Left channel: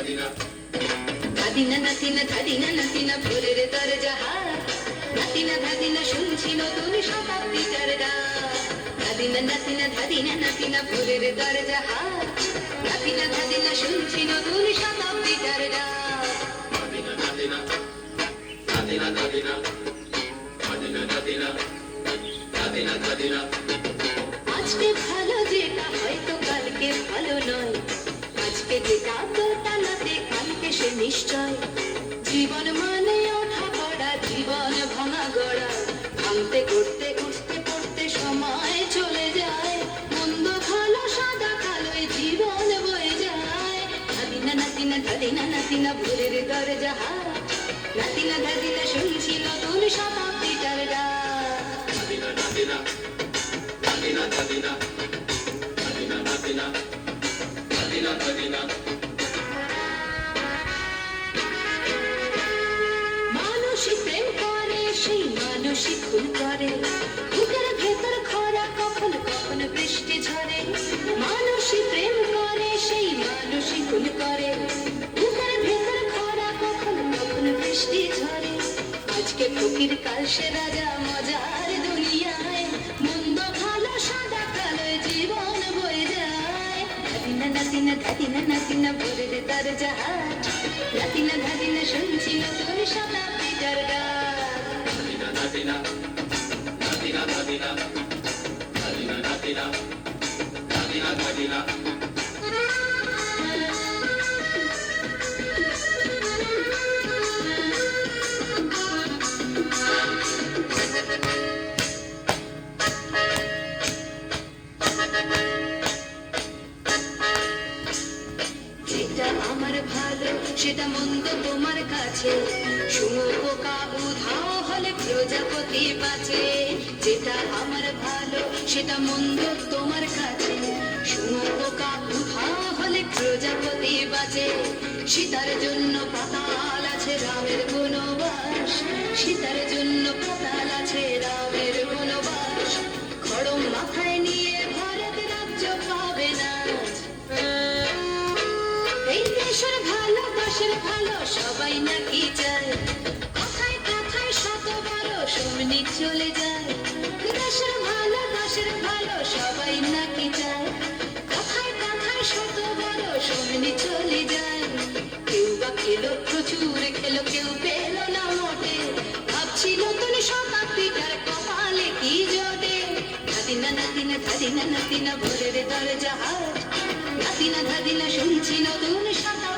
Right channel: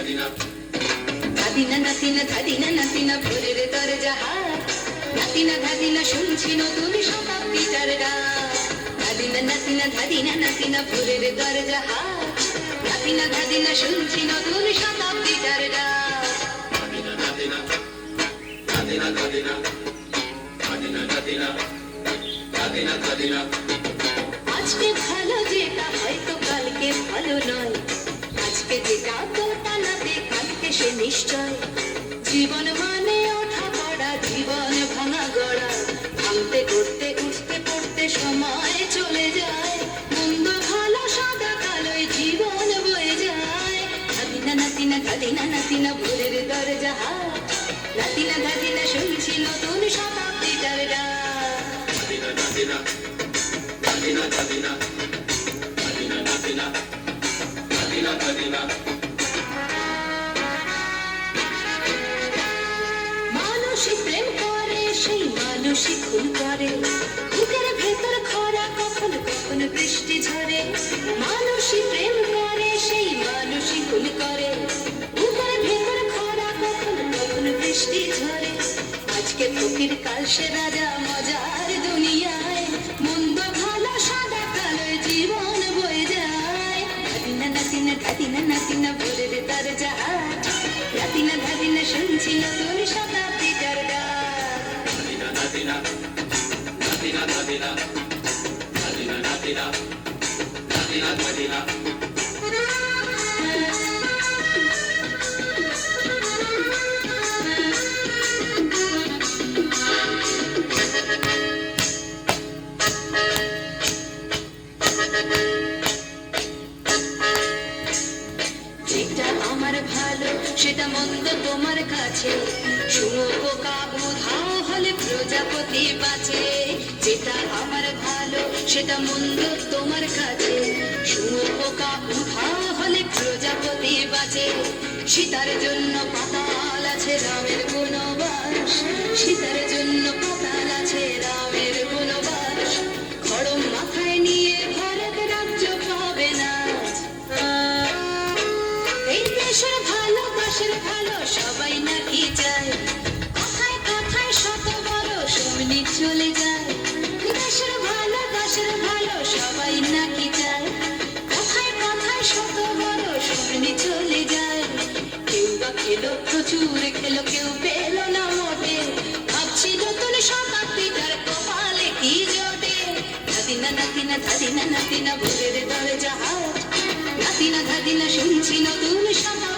ধাদিনা নাতিনা ধাদিনা নাতিনা ভোরের দরজা হাত, নাতিনা ধাদিনা শুনছি নতুন শতাব্দীটার ডাক। ধাদিনা নাতিনা ধাদিনা নাতিনা ভোরের দরজা হাত, নাতিনা ধাদিনা শুনছি নতুন শতাব্দীটার ডাক। ধাদিনা ধাদিনা ধাদিনা ধাদিনা ধাদিনা ধাদিনা ধাদিনা ধাদিনা। আজকে ভালো যেটা হয়তো কালকে ভালো নয়, আজকে যেটা তোতা নাতে কালকে সে নিশ্চয়। জীবন মানে ওঠা পড়া, জীবন ভাঙা গড়া, ভাঙতে করতে উঠতে পড়তে সময় চলে যায়। মন্দ ভালো সাদা কালোয় জীবন বয়ে যায়। ধাদিনা নাতিনা ধাদিনা নাতিনা ভোরের দরজা হাত, নাতিনা ধাদিনা শুনছি নতুন শতাব্দীটার ডাক। ধাদিনা ধাদিনা ধাদিনা ধাদিনা ধাদিনা ধাদিনা ধাদিনা ধাদিনা। মানুষই প্রেম করে, সেই মানুষই খুন করে, বুকের ভেতর খরা কখন কখন বৃষ্টি ঝরে। মানুষই প্রেম করে, সেই মানুষই খুন করে, বুকের ভেতর খরা কখন কখন বৃষ্টি ঝরে। আজকে ফকির কাল সে রাজা মজার দুনিয়ায়, মন্দ ভালো সাদা কালোয় জীবন বয়ে যায়। ধাদিনা নাতিনা ধাদিনা নাতিনা ভোরের দরজা হাত, নাতিনা ধাদিনা শুনছি নতুন শতাব্দীটার ডাক। ধাদিনা ধাদিনা ধাদিনা ধাদিনা ধাদিনা ধাদিনা ধাদিনা ধাদিনা। যেটা আমার ভালো সেটা মন্দ তোমার কাছে, শুঁয়োপোকা উধাও হলে প্রজাপতি বাঁচে। যেটা আমার ভালো সেটা মন্দ তোমার কাছে, শুঁয়োপোকা উধাও হলে প্রজাপতি বাঁচে। সীতার জন্য পাতাল আছে রামের বনবাস, সীতার জন্য পাতাল আছে রামের বনবাস। খড়ম মাথায় নিয়ে ভারত রাজ্য পাবে না। এই দেশের ভালো দেশের ভালো সবাই নাকি চায়, কথায় কথায় শত বড় সমনি চলে যায়। দেশের ভালো দেশের ভালো সবাই নাকি চায়, কথায় কথায় শত বড় সমনি চলে যায়। কেউ বা খেলো প্রচুর খেলো, কেউ পেল না মোটে, ভাবছি নতুন শতাব্দীটার কপালে কি জোটে। ধাদিনা নাতিনা ধাদিনা নাতিনা ভোরের দরজা হাত, নাতিনা ধাদিনা শুনছি নতুন শতাব্দী।